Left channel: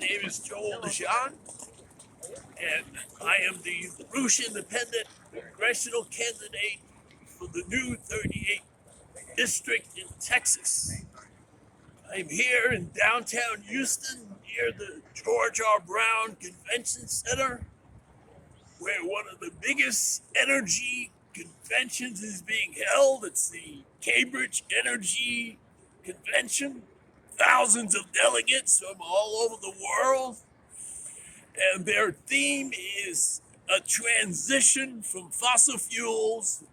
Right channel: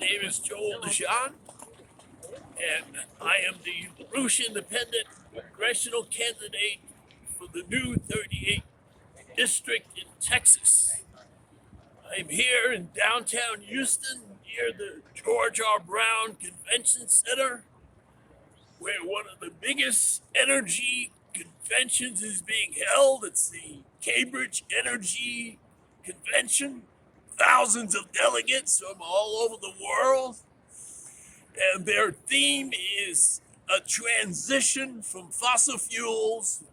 name is Joel DeJean, and I am the Rouge Independent congressional candidate for the new 38th District in Texas. I'm here in downtown Houston near the George R. Brown Convention Center, where one of the biggest energy conventions is being held. It's the Cambridge Energy Convention. Thousands of delegates from all over the world. And their theme is a transition from fossil fuels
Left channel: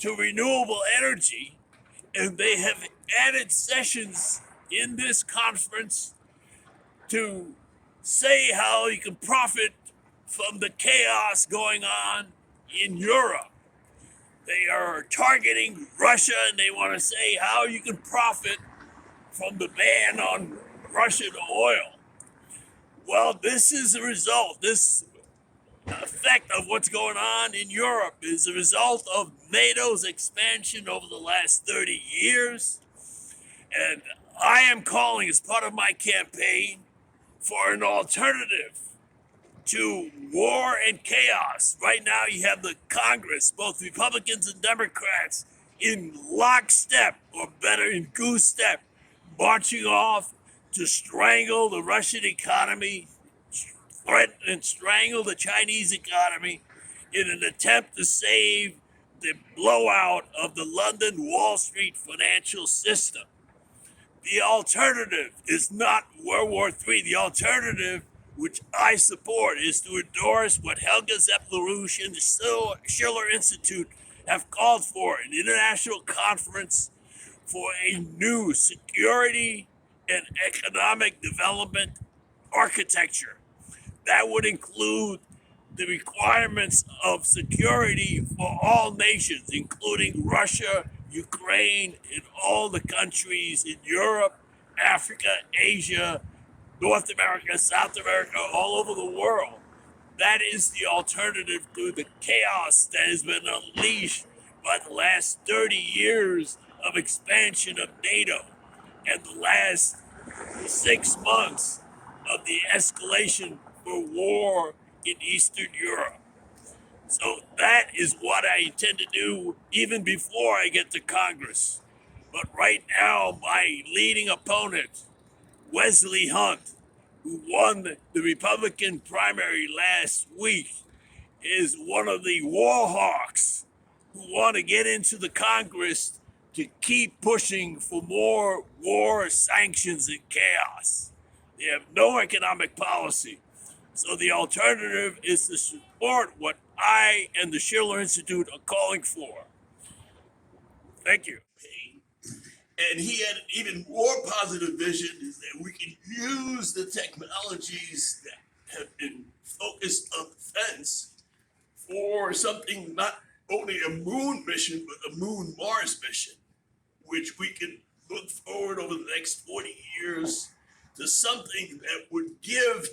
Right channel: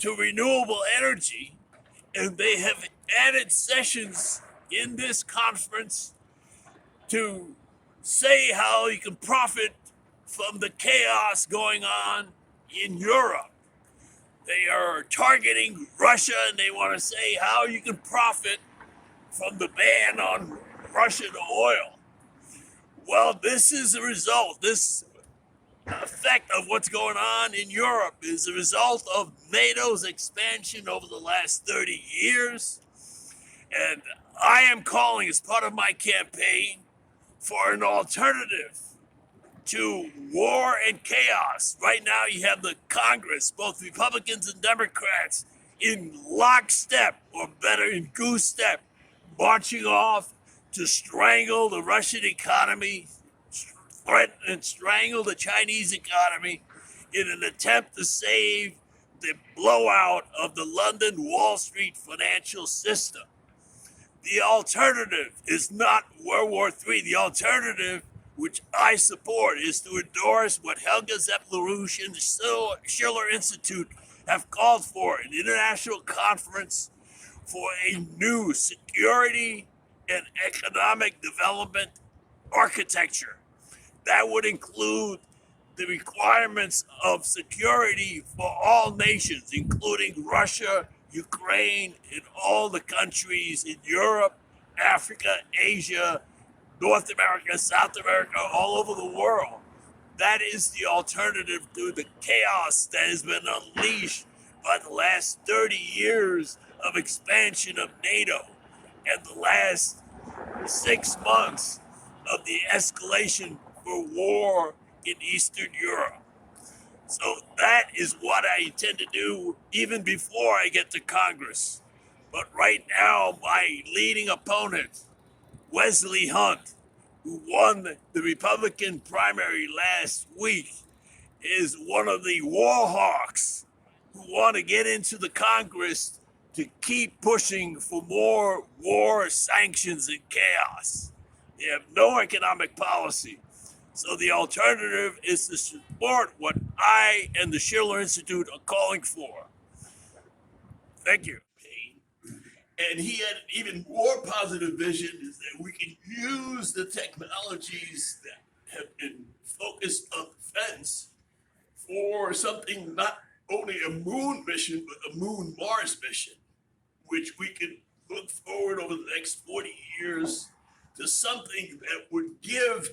to renewable energy. And they have added sessions in this conference to say how you can profit from the chaos going on in Europe. They are targeting Russia, and they want to say how you can profit from the ban on Russian oil. Well, this is a result. This effect of what's going on in Europe is a result of NATO's expansion over the last 30 years. And I am calling, as part of my campaign, for an alternative to war and chaos. Right now, you have the Congress, both Republicans and Democrats, in lockstep, or better, in goose step, marching off to strangle the Russian economy, threaten and strangle the Chinese economy in an attempt to save the blowout of the London Wall Street financial system. The alternative is not World War III. The alternative, which I support, is to endorse what Helga Zepp-LaRouche and the Schiller Institute have called for, an international conference for a new security and economic development architecture. That would include the requirements of security for all nations, including Russia, Ukraine, and all the countries in Europe, Africa, Asia, North America, South America, all over the world. That is the alternative to the chaos that has been unleashed by the last 30 years of expansion of NATO and the last 6 months of the escalation for war in Eastern Europe. So that is what I intend to do even before I get to Congress. But right now, my leading opponent, Wesley Hunt, who won the Republican primary last week, is one of the war hawks who want to get into the Congress to keep pushing for more war, sanctions, and chaos. They have no economic policy. So the alternative is to support what I and the Schiller Institute are calling for. Thank you. And he had an even more positive vision, is that we can use the technologies that have been focused on defense for something, not only a moon mission, but a moon Mars mission, which we can look forward over the next 40 years to something that would give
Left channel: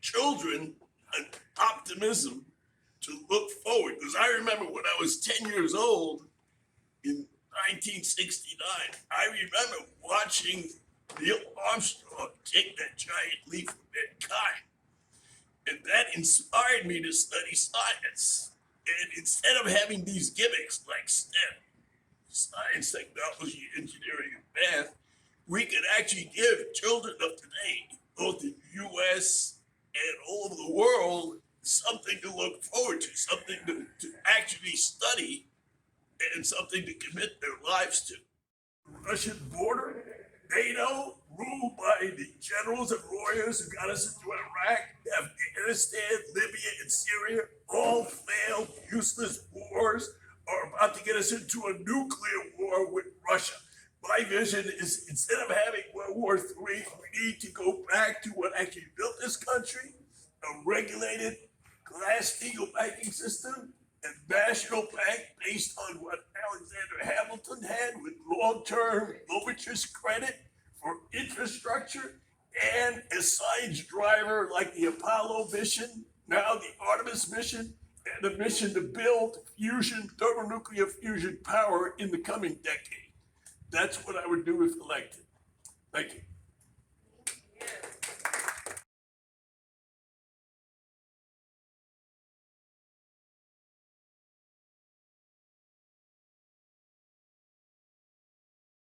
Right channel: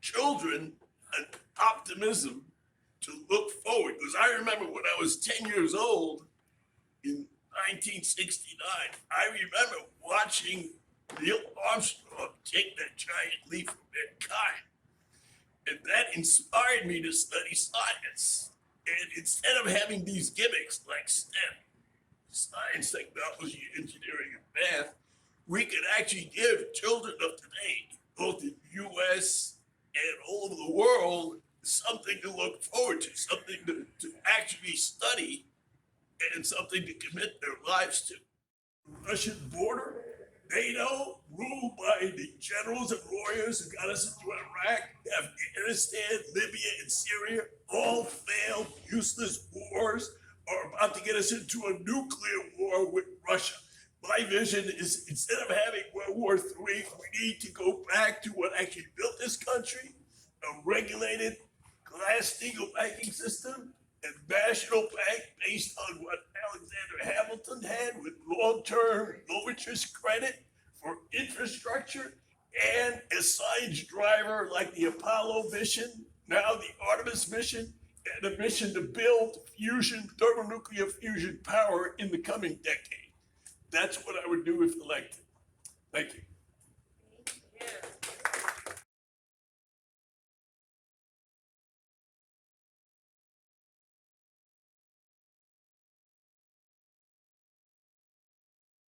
children an optimism to look forward. Because I remember when I was 10 years old in 1969, I remember watching Neil Armstrong take that giant leap for mankind. And that inspired me to study science. And instead of having these gimmicks like STEM, science, technology, engineering, and math, we could actually give children of today, both in the US and all over the world, something to look forward to, something to actually study, and something to commit their lives to. Russian border, NATO, ruled by the generals and warriors who got us into Iraq, Afghanistan, Libya, and Syria, all failed, useless wars, are about to get us into a nuclear war with Russia. My vision is, instead of having World War III, we need to go back to what actually built this country, a regulated Glass-Steagall banking system, and national bank based on what Alexander Hamilton had, with long-term, low-interest credit for infrastructure, and a science driver like the Apollo mission, now the Artemis mission, and a mission to build fusion, thermonuclear fusion power in the coming decade. That's what I would do if elected. Thank you.